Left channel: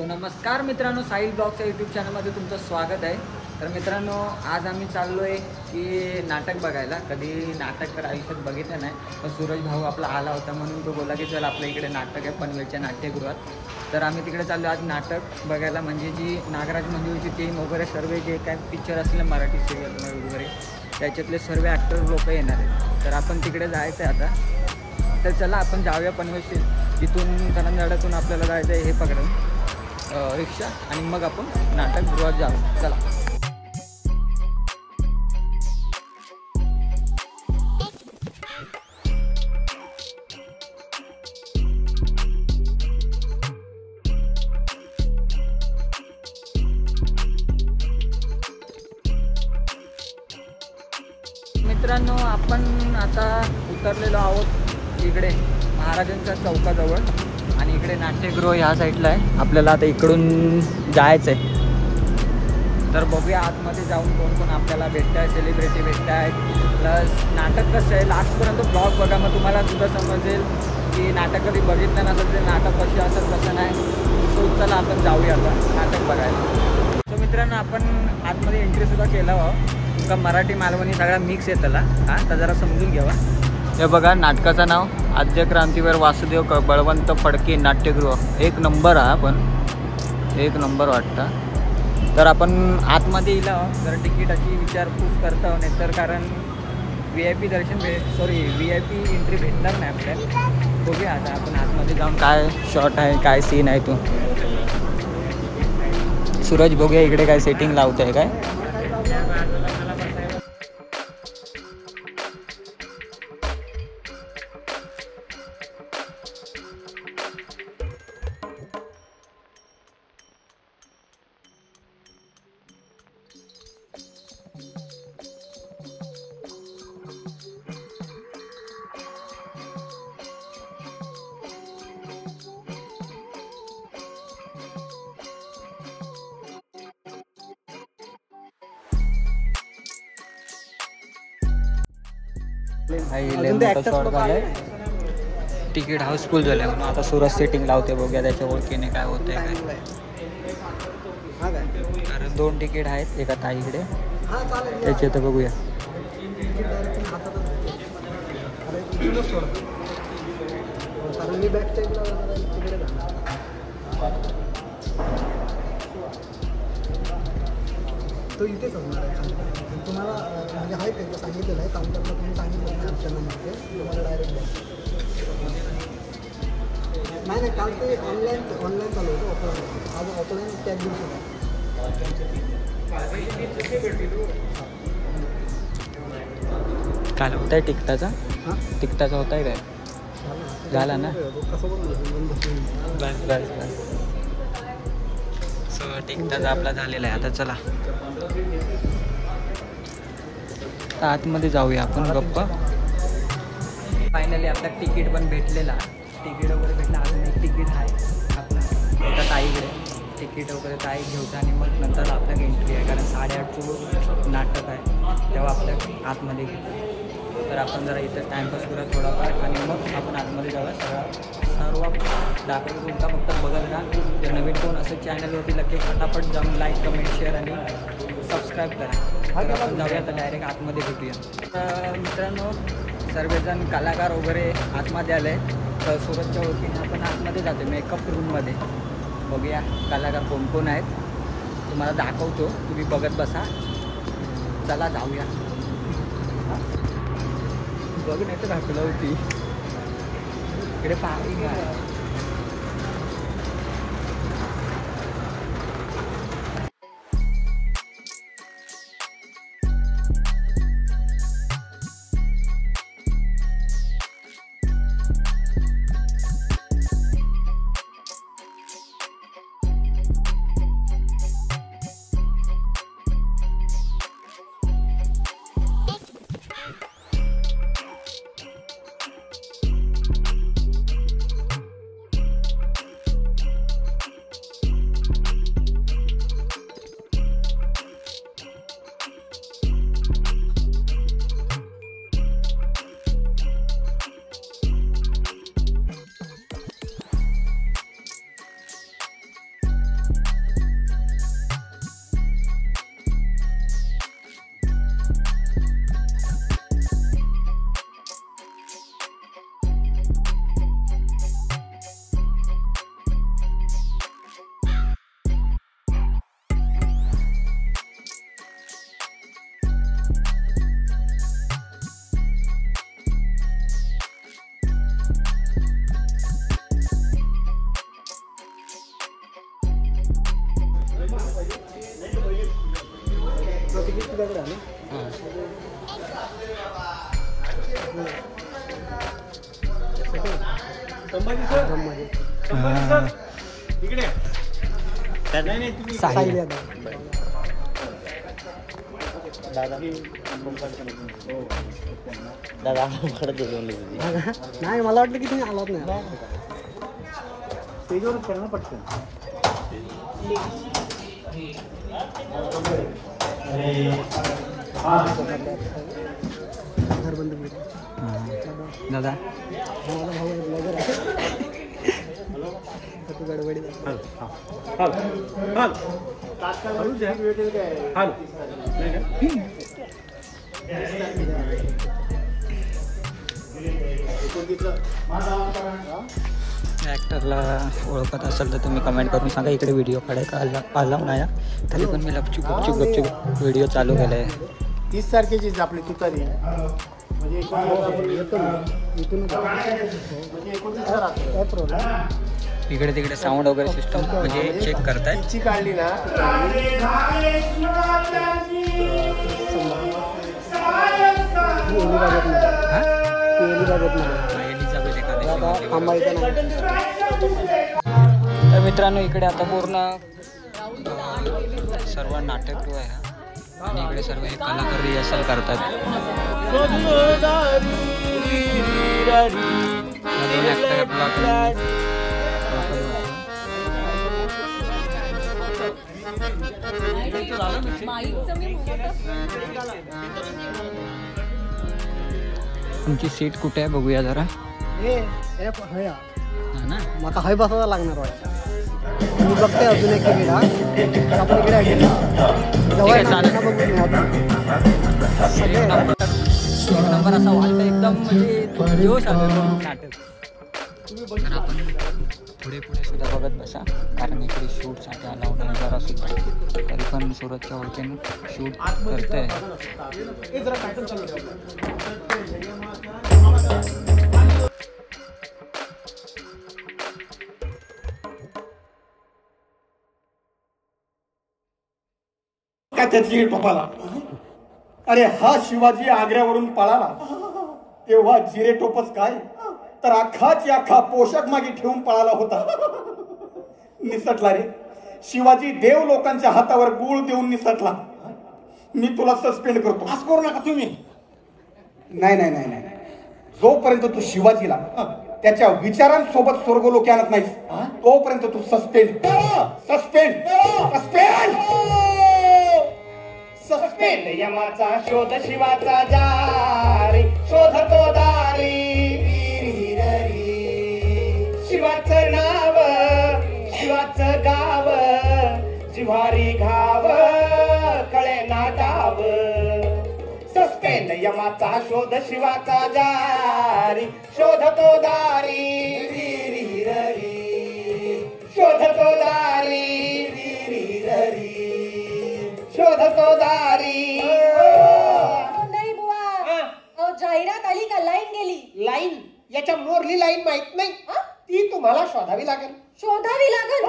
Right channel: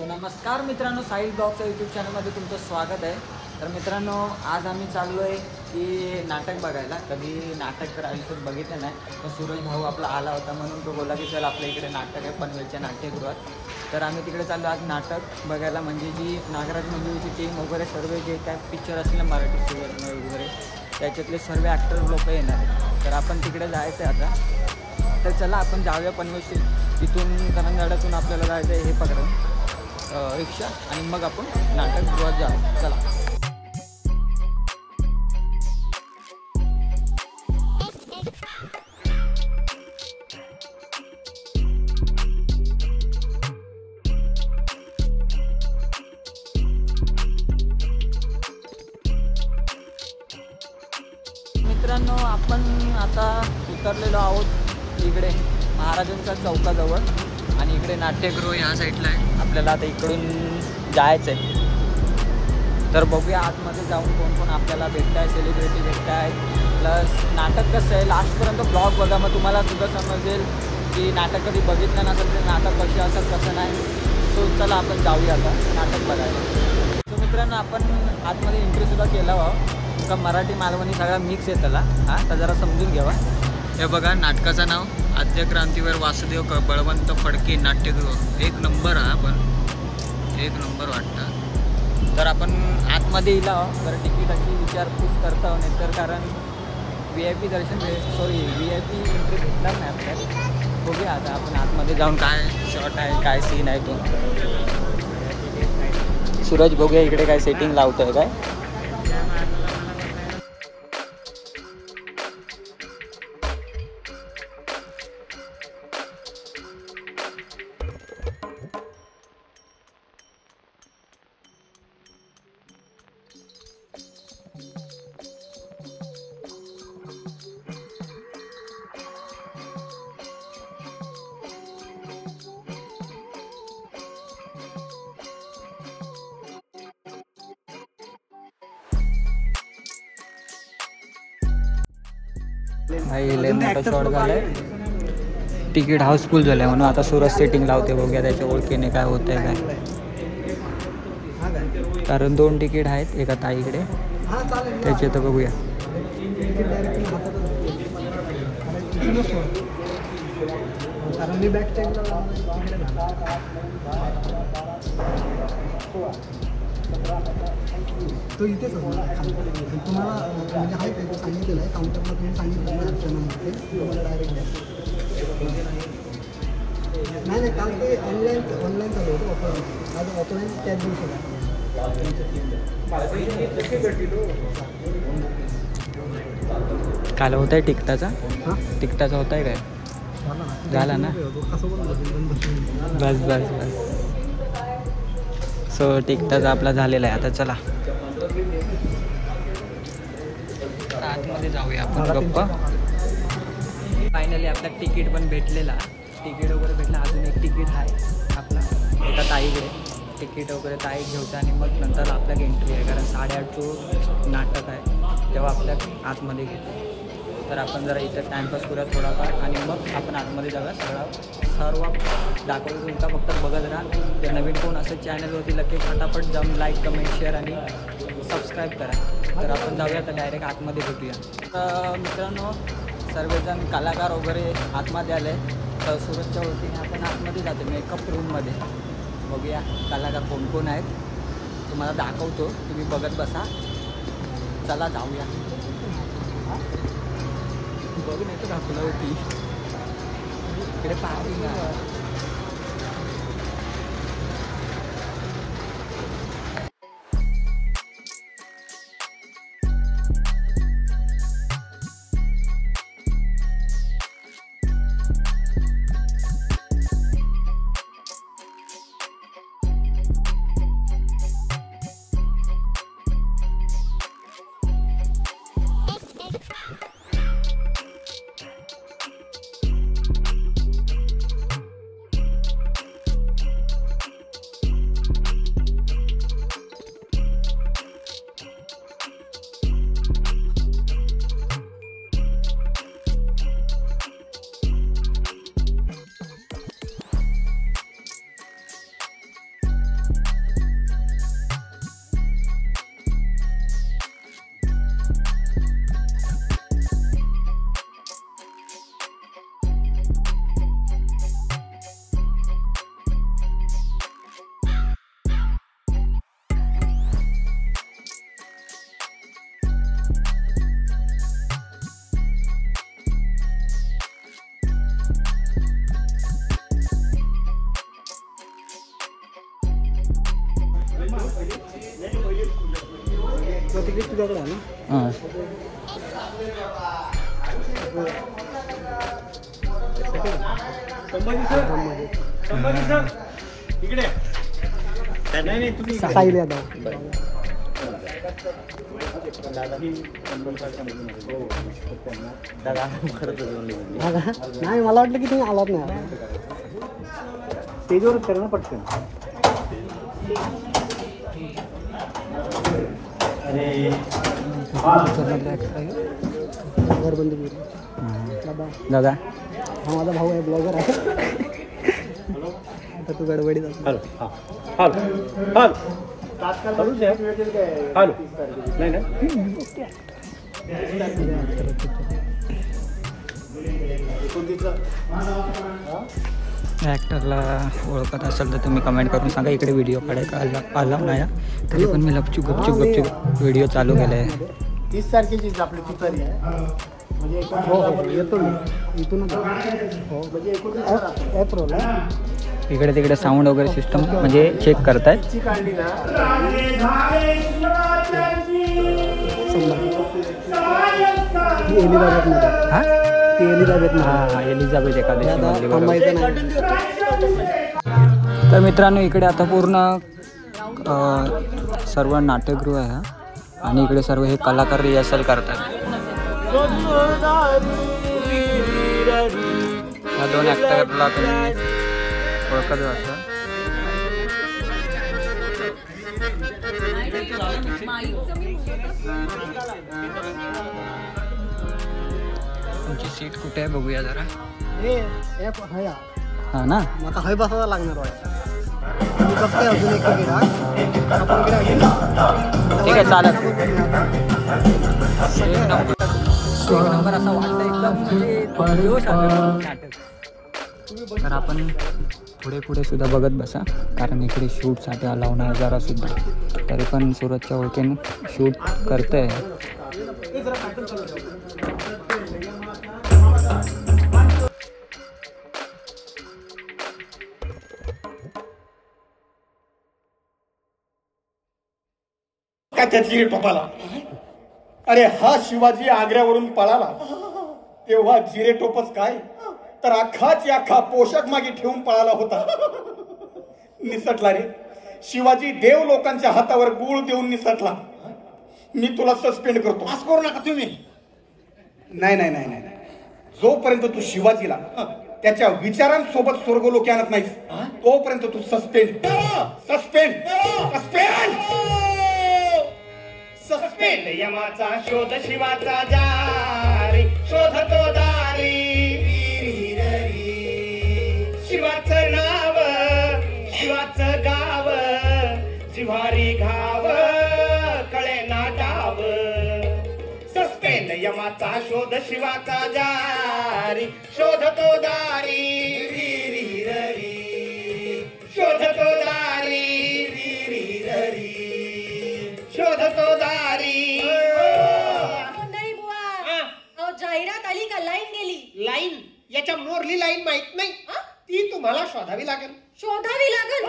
So नमस्कार मित्रांनो, Sahil ब्लॉग्सच्या YouTube चॅनलमध्ये तुमचं स्वागत आहे। तर मित्रांनो, आज आम्ही चाललो आहे की नाटक बघायला। कधी नाटक तर आयुष्यात बघितलं नाही, पण सूरज भाऊ आपला आला होता म्हणून तो बोला की चल आपल्या इकडे नाटक आहे पनवेलच्या नाट्यगृहात। तर आम्ही तिकडे चाललो आज नाटक बघायला। म्हणजे जी नागराज मंजुळीची टीम वगैरे सर्व जे काय पिक्चर असले मराठी सिरियल वगैरे त्याच्यातले सर्व ॲक्टर लोक येणार आहेत। तर आपण तिकडे जायचं आहे आता। तर चला आपण जाऊया पनवेल। तिथून करंजाड्यातून आपल्याला जायचं आहे हे पकडून रिक्षा, आणि मग आपण नाटकगृहात जाऊ। चला मित्रांनो, आपण आता उतरलेलो आहोत इकडे महाराजांच्या चौकाजवळ, आणि इकडे नाट्यगृह ह्या साईडला आहे। आपल्याला आता इकडून जायचं आहे। तर बघूया आतमध्ये जाऊन कोण कोण आपल्याला भेटत आहे, सेलिब्रिटी भेटत आहेत। प्लस नाटक कसं आहे, लास्टपर्यंत ब्लॉग बघा, मग तुम्हाला सुद्धा समजेल की नाटक कधी बघितलं नसेल ते नाटक कसे असत कसं नाही। सो चला आपण जाऊया आता नाटक बघायला। सो मित्रांनो, आपण आतमध्ये एंट्रीसुद्धा केला तुमका मराठी मालवणी सगळा मिक्स आहे त्याला। हां, तर जरा समजून घ्यावा। हे बघा, नाटकाचं नाव आद्य क्रांतीवीर वासुदेव बळवंत फडके नाट्यगृह। एक नंबर हा, पण एक नंबर वाटतं। तर आपण आतमध्ये येला जरा तिकीटाची विचारपूस करतो, नाहीतर कारण VIP दर्शन VIP एंट्री भेटणार नाही आपल्याला। बघूया आता आपण आतमध्ये जाऊन काय शॉट आहे, काय सीन आहे ती सूरज बघूया इकडे काय सेटिंग लावत आहे काय। अजून ते ॲक्टर तिकीट हाऊसफुल झालं म्हणून आता सूरज सेटिंग लावते। बघूया त्याच्या ओळखीने काय होत आहे काय, कारण 2 तिकीट आहेत एका ताईकडे त्याचे, तर बघूया। कारण मी बॅक साईडला तो इथेच असणार तुम्हाला, म्हणजे आहे काय सांगितलेलं आहे काउंटरला, तुम्ही सांगितलं नाही अर्चनामध्ये तुम्हाला डायरेक्ट द्या। नाही काल ते ऑनलाईन चालू होतं ऑफलाईन, आज ऑफलाईन त्याच दिवशी काल होत आहे तिकटाचा। हां, तिकटाचा होत आहे काय झाला ना, कसं बोल बस बस। सो तिकटाचा आपला झालेला आहे। आता चला आतमध्ये जाऊया आपण गप्पा। फायनली आपला तिकीट पण भेटलेला, तिकीट वगैरे भेटला। अजून एक तिकीट आहे आपला एका ताईकडे, तिकीट वगैरे ताई घेऊचं आणि मग नंतर आपल्याला एंट्री आहे, कारण 8:30 नाटक आहे तेव्हा आपल्या आतमध्ये घेतो। तर आपण जरा इथं टाईमपास करूया थोडाफार, आणि मग आपण आतमध्ये जाऊया। सर्व दाखवतो तुमचा, फक्त बघत राहा। जर नवीन कोण असेल चॅनलवरती लगे फटाफट जाऊन लाईक, कमेंट, शेअर आणि सबस्क्राईब करा। तर आपण जाऊया आता डायरेक्ट आतमध्ये भेटूया। तर मित्रांनो, सर्वजण कलाकार वगैरे आतमध्ये आले, तर सूरजच्या वतीने आपण आतमध्ये जातो मेकअप रूममध्ये। बघूया कलाकार कोण कोण आहेत, तुम्हाला दाखवतो, तुम्ही बघत बसा। चला जाऊया। हां, बघ नाही तर दाखवलं होती इकडे पार्किंग आहे। तो तिकीट तुझ्याकडे आहे ना? हां साई द्या नाही मला वाटलं की तुम्ही आलात नाही स्टेजवर करणं पटकन घर बंद दादा दादा हा माझा भाऊ आहे ब्लॉगर आहे तू गडबडीत नाही ना तुम्ही कमेंट करून सांगा इकडे व्हिडिओ काढला नाही पण मी गपचूप व्हिडिओ चालू केला 30 तारखेचीच आपली तुतारी हो हो येतो मी इथूनच हो म्हणजे 29 काय प्रॉब्लेम इकडे तिकडे साऊंड वगैरे सिस्टम म्हणजे चेक करतायत काढली ना हां एलिझाबेथ एकादशी मधली बरोबर तर मित्रांनो इकडे आता पूर्ण सर्व नाट्यगृह आहे आणि इकडे सर्व हे कलाकार रिहर्सल करतात या दोन ॲक्टरला तुम्ही ओळखत असता तुमची सीट कुठे आहे बघूया जरा हा ना आता हाय बसायला लागणार आहे मी बघते अजून एक तिकीट आपण इकडे ठीक आहे चालेल एक नंबर असा वाटतं एकदम म्हणजे जोश आलं नाटक तर आपण पुढे पुढे सुद्धा बघत बसा कारण इकडे शूटसाठी अलाव नाही जरा सुद्धा तरी पण सुरतच्या ओळखीने शूट करते काय त्याची टोपाला अरे हा शिवाजी आग्र्यावरून पळाला तेव्हा जिरे टोपच काय तर अख्खाची अख्खा पोशाख मागे ठेवून पळाला होता निसटला रे शिवाजी देव लोकांच्या हातावर गुळ देऊन निसटला मी तुला सस्पेंड करतो असं करू नका तुम्ही नाही नाही नाही नाही जोपर्यंत तू शिवाजीला त्याच्या विचारांसोबत स्वर्गलोकी आणत नाहीस तोपर्यंत तू सस्पेंड सस्पेंड सस्पेंड सस्पेंड यमाचा शोध शिवाचा जारी शोधतो दारी शिवाचं नाव शिवाचं गाव जिव्हारी घाव कळे ना डाव सस्पेंड यमाचा शोध शिवाचा जारी शोधतो दारी शोधतो दारी शोधतो दारी नाही बुवा जाहिरात आली का लाईन गेली लाईन याच्या मोरली लाईन माहित नाही ती तुम्हाला शोधावी लागेल शोधावी लागल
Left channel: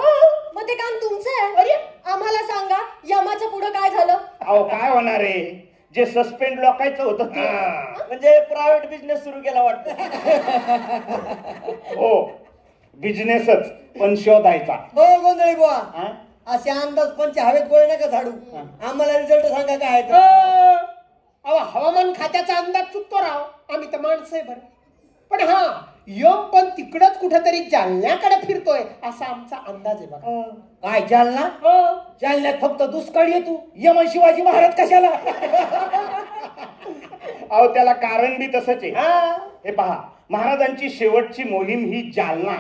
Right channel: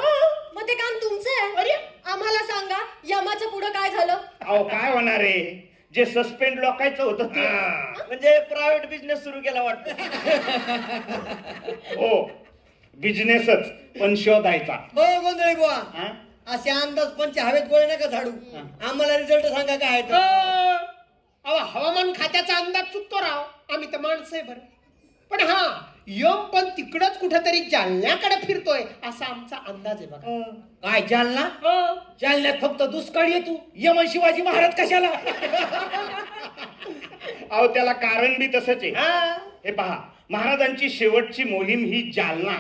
मग ते काम तुमचं आहे अरे आम्हाला सांगा यमाचं पुढं काय झालं अहो काय होणार आहे जे सस्पेंड लोकायचं होतं ते म्हणजे प्रायव्हेट बिझनेस सुरू केला वाटतं हो बिझनेसच पण शोधायचा हो गोंधळी बुवा असे अंदाज पंच हवेत गोळे नका झाडू आम्हाला रिझल्ट सांगा काय अहो हवामान खात्याचा अंदाज चुकतो राव आम्ही तर माणसं आहे बरं पण हा यम पण तिकडच कुठेतरी जालन्याकडे फिरतोय असा आमचा अंदाज आहे बघा काय जालना जालन्यात फक्त दुष्काळ येतो यमन शिवाजी महाराज कशाला अहो त्याला कारण बी तसंच आहे हे पहा महाराजांची शेवटची मोहीम ही जालना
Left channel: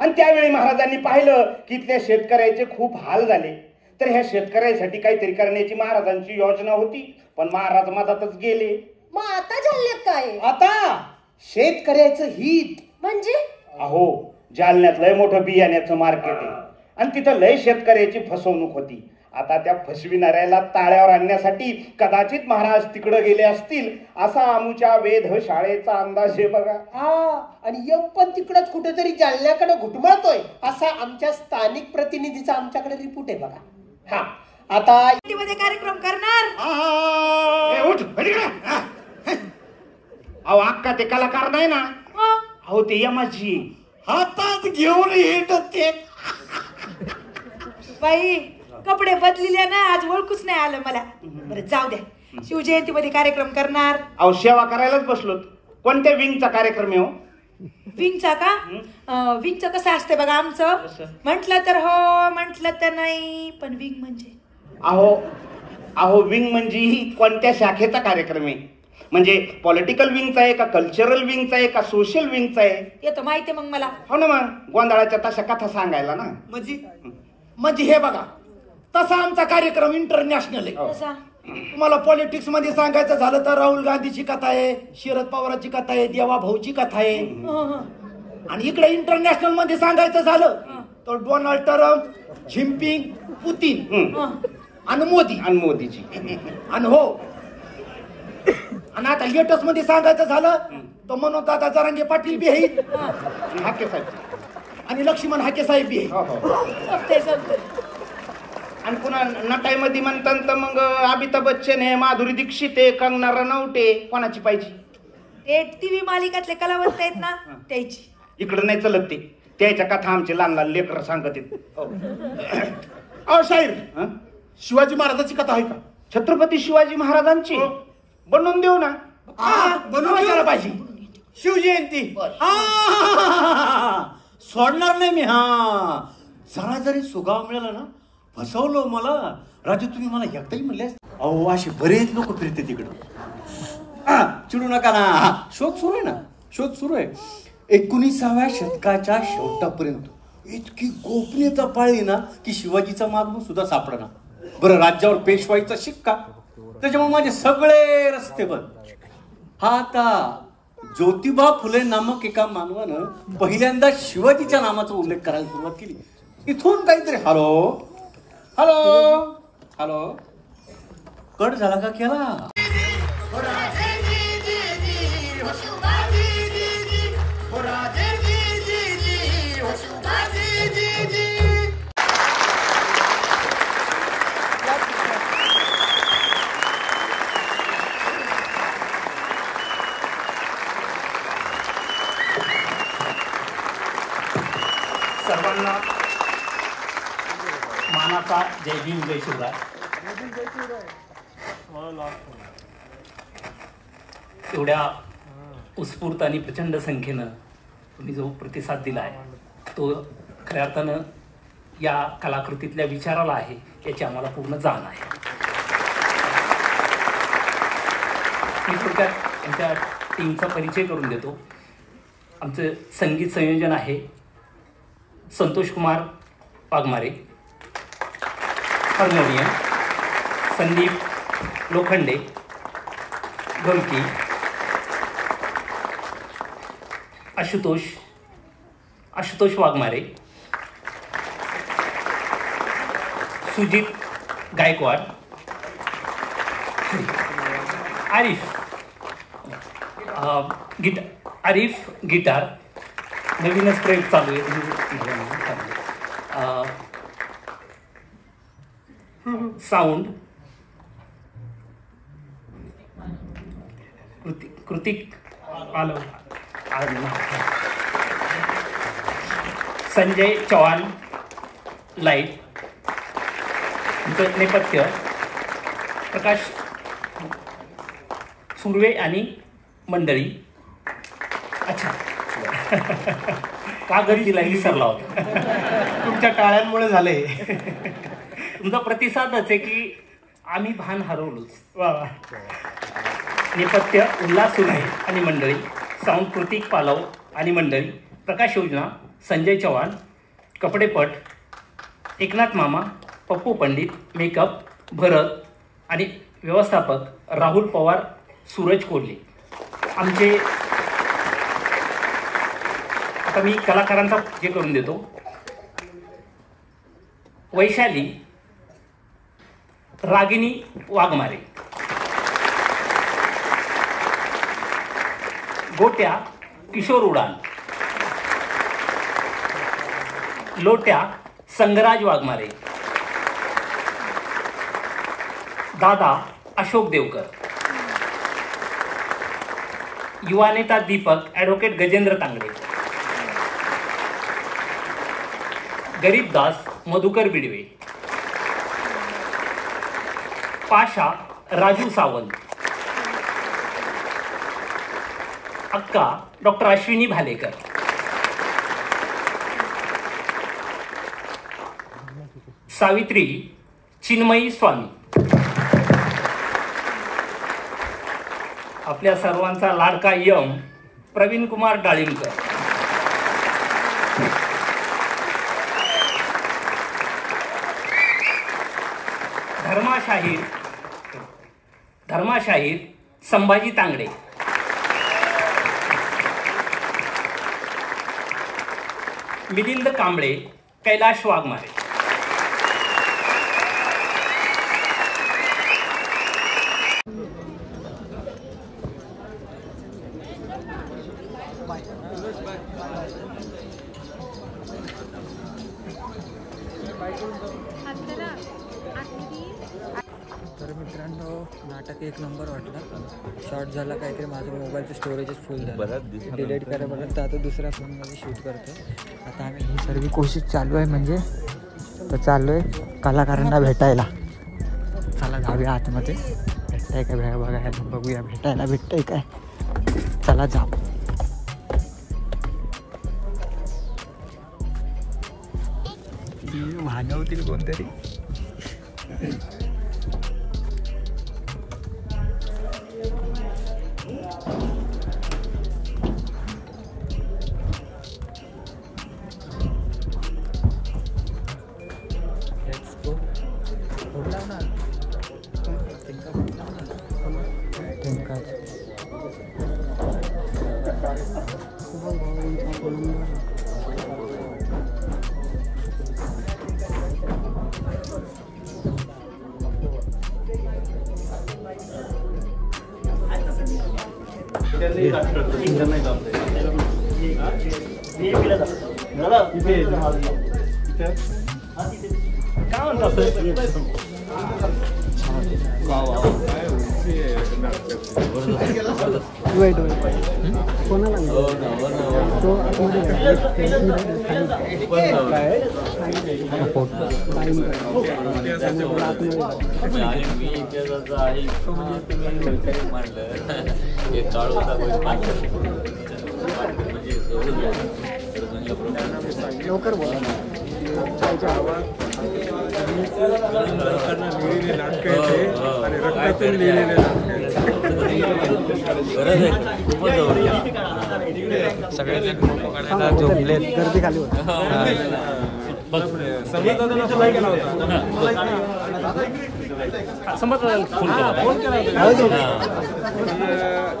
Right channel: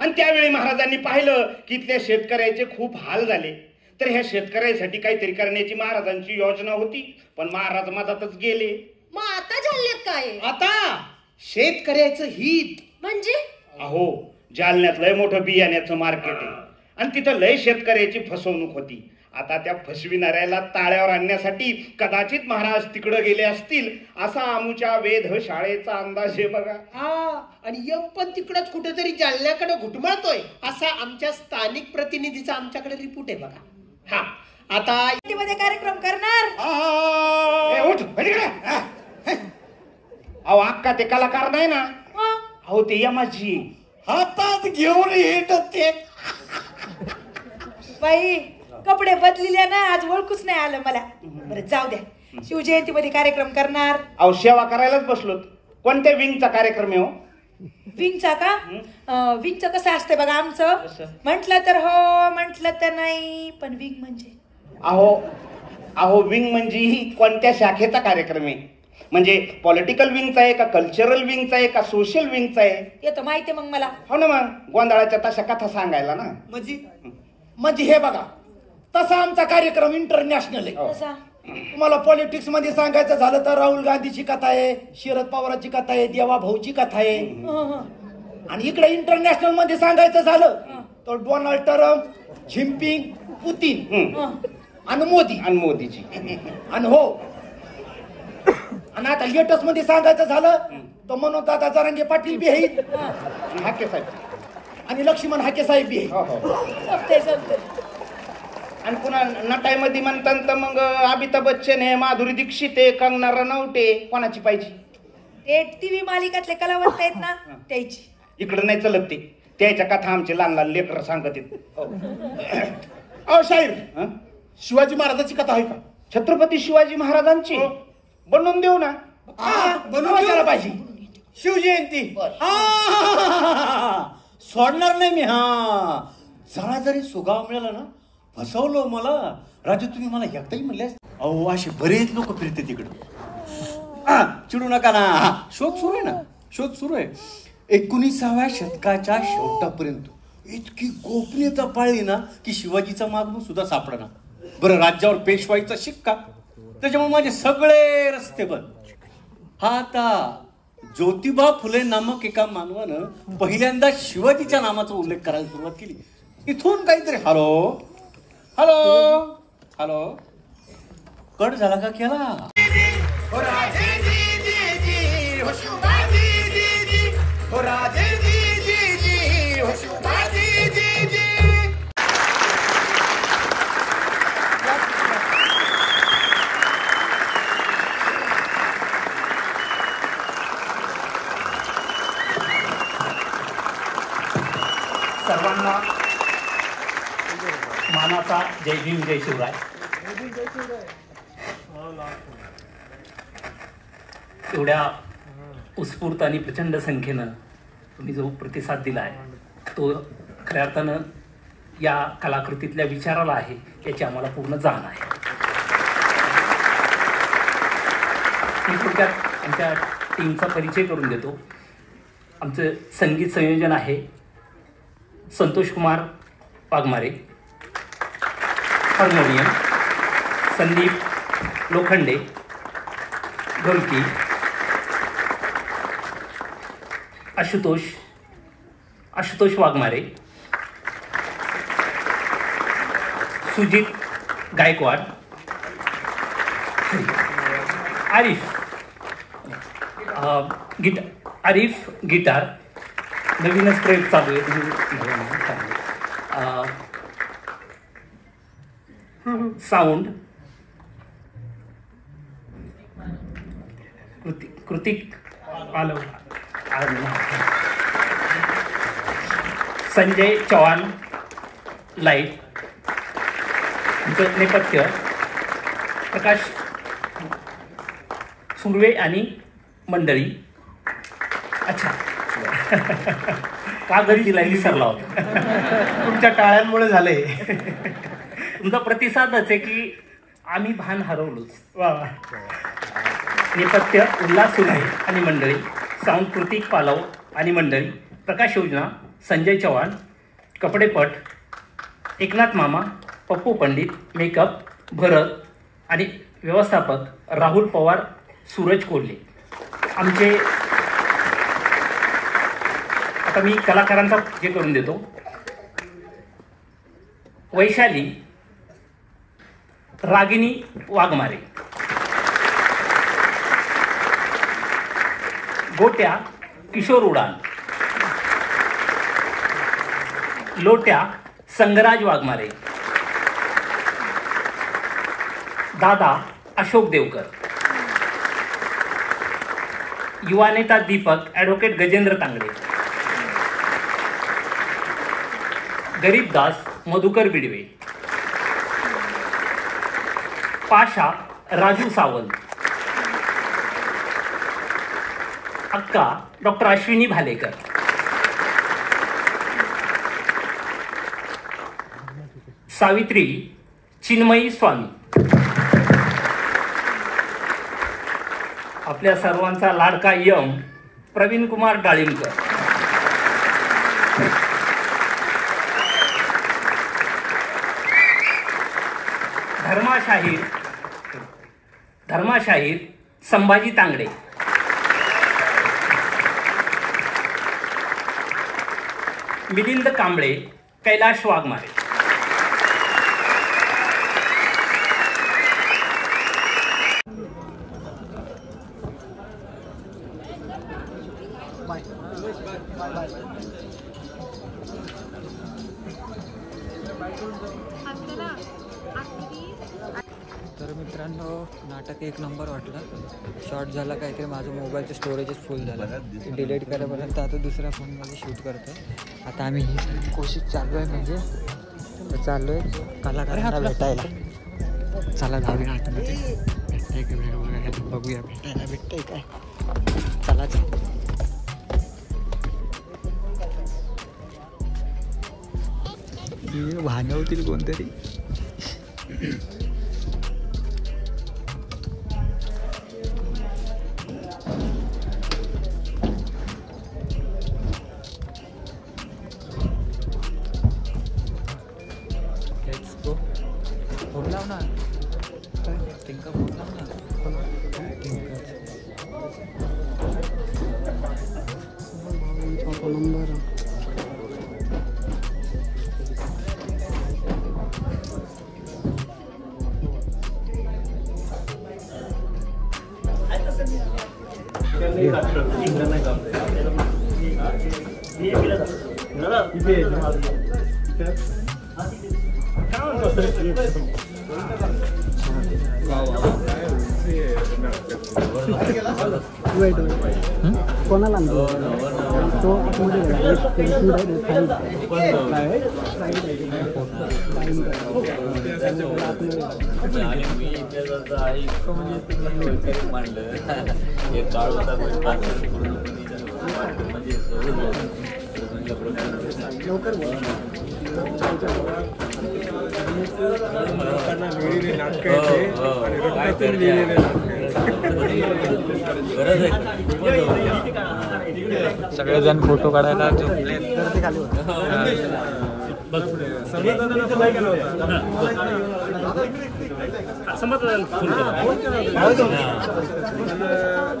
आणि त्यावेळी महाराजांनी पाहिलं की इथल्या शेतकऱ्याचे खूप हाल झाले तर ह्या शेतकऱ्यासाठी काहीतरी करण्याची महाराजांची योजना होती पण महाराज मधातच गेले मग आता जालन्यात काय आता शेतकऱ्याचं हित म्हणजे अहो जालन्यात लय मोठं बियाण्याचं मार्केट आहे आणि तिथं लय शेतकऱ्याची फसवणूक होती आता त्या फसविणाऱ्याला ताळ्यावर आणण्यासाठी कदाचित महाराज तिकडे गेले असतील असा आमच्या वेध शाळेचा अंदाज आहे बघा आणि यम पण तिकडच कुठेतरी जालन्याकडे घुटमळतोय असा आमच्या स्थानिक प्रतिनिधीचा आमच्याकडे रिपोर्ट आहे बघा हा आता मध्ये कार्यक्रम करणार. ए, उठ, बैठ इकडे. अहो अक्का ते कलाकार नाही ना, अहो ते यमाजी हातात घेऊन येत ते. बाई कपडे बदलिले ना, आज ओळखूच नाही आलं मला. बरं जाऊ द्या, शिवजयंतीमध्ये कार्यक्रम करणार. अहो सेवा करायलाच बसलो. कोणत्या विंगचा कार्यक्रम आहे हो? विंगचा का? विंगचं कसं असतंय बघा आमचं. म्हटलं तर हो, म्हटलं तर नाही, पण विंग म्हणजे अहो विंग म्हणजे ही कोणत्या शाखेचा कार्यक्रम आहे? म्हणजे पॉलिटिकल विंगचा आहे का, कल्चरल विंगचा आहे का, सोशल विंगचा आहे? येतो माहितीये मग मला. हो ना, मग गोंधळाच्या तशा कथा सांगायला ना. म्हणजे हे बघा, तसा आमचा कार्यक्रम इंटरनॅशनल आहे. कसा? तुम्हाला पॉलिटिक्स मध्ये सांगायचं झालं तर राहुल गांधीची कथा आहे, शरद पवारांची कथा आहे, देवा भाऊची कथा आहे. आणि इकडे इंटरनॅशनल मध्ये सांगायचं झालं तर डोनाल्ड ट्रम्प, झिम्पिंग, पुतीन आणि मोदीची. आणि हो, आणि आता लेटेस्ट मध्ये सांगायचं झालं तर मनोज दादा जरांगे पाटील बी आहेत, हाके साहेब आणि लक्ष्मण हाके साहेब बी आहेत. जमतंय, जमतंय. आणि पुन्हा नटाईमध्ये म्हणतात तर मग अमिताभ बच्चन आहे, माधुरी दीक्षित आहे, कंगना रनौटे. कोणाची पाहिजे? ते टीव्ही मालिकातले कलावंत आहेत ना, त्याची. इकडं नाही चलत ते, त्याच्या कथा आमचे लहान लहान लेकर सांगत आहेत. अहो शाहीर, शिवाजी महाराजांची कथा आहे का? छत्रपती शिवाजी महाराजांची बनवून देऊ ना. बनवायला पाहिजे. शिवजयंती सोडणार नाही मी. जरा जरी सुगाव मिळाला ना, फसवलं मला राजू. तुम्ही मला एकदाही म्हणले. अहो असे बरेच लोक फिरते तिकडं. चिडू नका ना. शोध सुरू आहे ना, शोध सुरू आहे. 19व्या शतकाच्या शेवटापर्यंत इतकी गोपनीयता पाळली ना की शिवाजीचा मागमूळ सुद्धा सापडना. बरं, राज्यावर पेशवाईचा शिक्का, त्याच्यामुळे माझे सगळे रस्ते बंद. हा आता ज्योतिबा फुले नामक एका मानवानं पहिल्यांदा शिवाजीच्या नामाचा उल्लेख करायला सुरुवात केली. इथून काहीतरी हॅलो हॅलो हॅलो कट झाला का केला? मानाचा जय भीम जय शिवराय. एवढ्या उत्स्फूर्त आणि प्रचंड संख्येनं तुम्ही जो प्रतिसाद दिला आहे तो खऱ्या अर्थानं या कलाकृतीतल्या विचाराला आहे याची आम्हाला पूर्ण जाण आहे. मी थोडक्यात आमच्या टीमचा परिचय करून देतो. आमचं संगीत संयोजन आहे संतोष कुमार वाघमारे, हार्मोनियम संदीप लोखंडे, ढोलकी आशुतोष वाघमारे, सुजित गायकवाड, आरिफ गिटार. नवीनच प्रयोग चालू आहे. साऊंड कृतिक आलो, संजय चव्हाण लाईट. नेपथ्य प्रकाश सुर्वे आणि मंडळी. अच्छा का घरी दिला विसरला होता. तुमच्या टाळ्यांमुळे झाले. तुमचा प्रतिसादच आहे की आम्ही भान हरवलोच. नेपथ्य उल्हास सुर्वे आणि मंडळी. साऊंड कृतिक पालव आणि मंडळी. प्रकाश योजना संजय चव्हाण. कपडेपट एकनाथ मामा, पप्पू पंडित. मेकअप भरत आणि व्यवस्थापक राहुल पवार, सूरज कोल्हे. आमचे आता मी कलाकारांचा हे करून देतो. वैशाली रागिनी वाघमारे. गोट्या किशोर उडान. लोट्या संगराज वाघमारे. दादा अशोक देवकर. युवा नेता दीपक ॲडव्होकेट गजेंद्र तांगडे. गरीबदास मधुकर बिडवे. पाशा राजू सावंत. अक्का डॉक्टर अश्विनी भालेकर. सावित्री चिन्मयी स्वामी. आपल्या सर्वांचा लाडका यम प्रवीण कुमार डाळिंबकर. धर्माशाहीर संभाजी तांगडे. मिलिंद कांबळे कैलाश वाघमारे. तर मित्रांनो नाटक एक नंबर वाटलं. शॉर्ट झाला काहीतरी, माझं मोबाईलचं स्टोरेजच फुल झालं, डिलीट करेपर्यंत आता दुसऱ्या फोनमध्ये शूट करतो. आता आम्ही ही सर्व कोशिश चालू आहे, म्हणजे तर चालू आहे कलाकारांना भेटायला. चला जाऊया आतमध्ये, भेटताय का बघायला, बघूया भेटायला भेटतंय काय. चला जाऊ. भानवतील कोणतरी. फोन लाव ना, तिंका फोन लाव ना, तिंका. कोणाला तो आतमध्ये लवकर बोल. सगळेजण फोटो काढायला झोपले.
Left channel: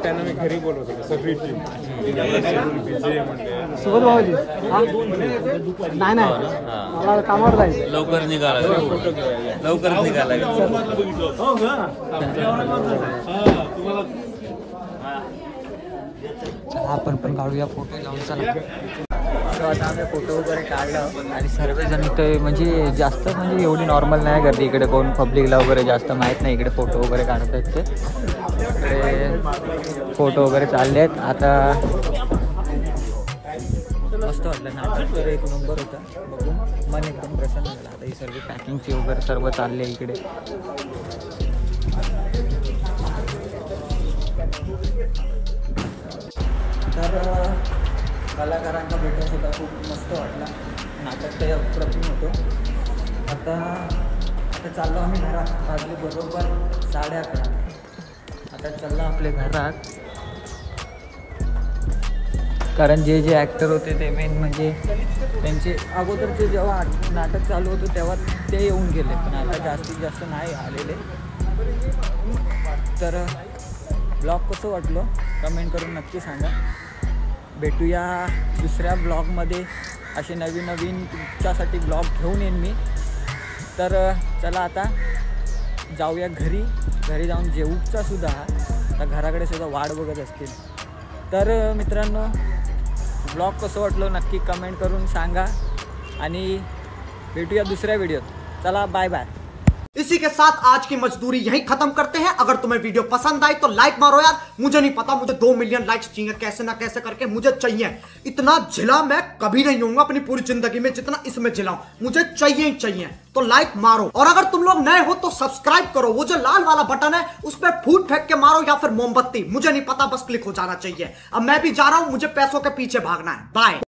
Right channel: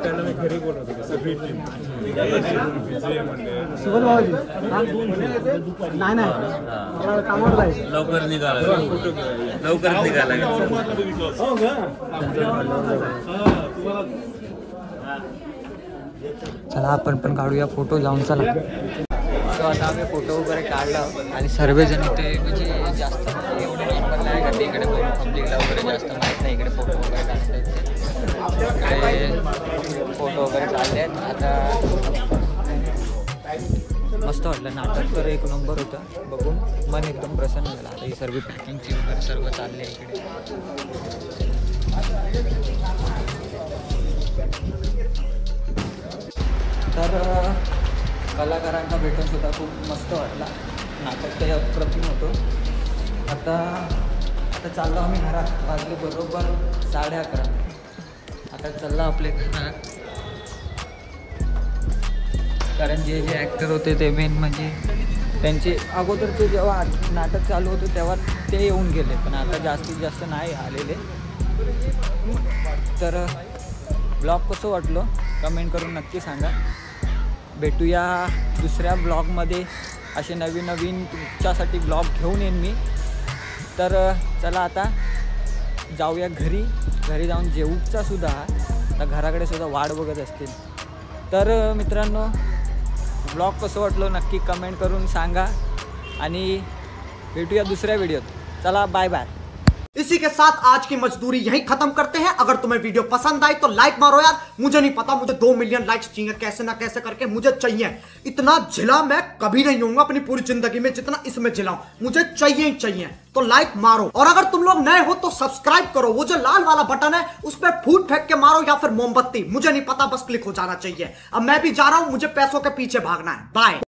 त्यांना मी घरी बोलवतो सगळी सोबत भावाजी. नाही मला कामावर जायचं. लवकर निघाला. चला आपण पण काढूया फोटो जाऊन. चला. सो आता आम्ही फोटो वगैरे काढला आणि सर्वजण इथे म्हणजे जास्त म्हणजे एवढी नॉर्मल नाही गर्दी इकडे, कोण पब्लिकला वगैरे जास्त माहीत नाही इकडे फोटो वगैरे काढत आहेत. इकडे फोटो वगैरे काढले आहेत. आता मस्त वाटलं नाटक, तर एक नंबर होता बघून, मन एकदम प्रसन्न झालं. आता ही सर्व पॅकिंगची वगैरे सर्व चालले इकडे. तर कलाकारांना भेटून सुद्धा खूप मस्त वाटला. नाटक काही अप्रतिम होतो. आता चाललो आम्ही घरात. वाजले बरोबर 11:30. आता चाललो आपल्या घरात, कारण जे ॲक्टर होते ते मेन म्हणजे त्यांचे अगोदरचे जेव्हा नाटक चालू होतं तेव्हा ते येऊन गेले, पण आता जास्तीत जास्त नाही आलेले. तर ब्लॉग कसं वाटलं कमेंट करून नक्की सांगा. भेटूया दुसऱ्या ब्लॉगमध्ये. असे नवीन तुमच्यासाठी ब्लॉग घेऊन येईन मी. तर चला आता जाऊया घरी जाऊन जेवूचा सुद्धा आता घराकडे सुद्धा वाट बघत असतील. तर मित्रांनो ब्लॉग कसं वाटलं नक्की कमेंट करून सांगा आणि भेटूया दुसऱ्या व्हिडिओत. चला बाय बाय. इसी के साथ आज की मजदूरी यहीं खत्म करते हैं। अगर तुम्हें वीडियो पसंद आई तो लाइक मारो यार। मुझे नहीं पता, मुझे 2 मिलियन लाइक्स चाहिए, कैसे ना कैसे करके मुझे चाहिए। इतना झिला मैं कभी नहीं होऊंगा अपनी पूरी जिंदगी में जितना इसमें झिलाऊं, मुझे चाहिए ही चाहिए। तो लाइक मारो, और अगर तुम लोग नए हो तो सब्सक्राइब करो। वो जो लाल वाला बटन है उस पर फूट फेंक के मारो या फिर मोमबत्ती, मुझे नहीं पता, बस क्लिक हो जाना चाहिए। अब मैं भी जा रहा हूं, मुझे पैसों के पीछे भागना है। बाय।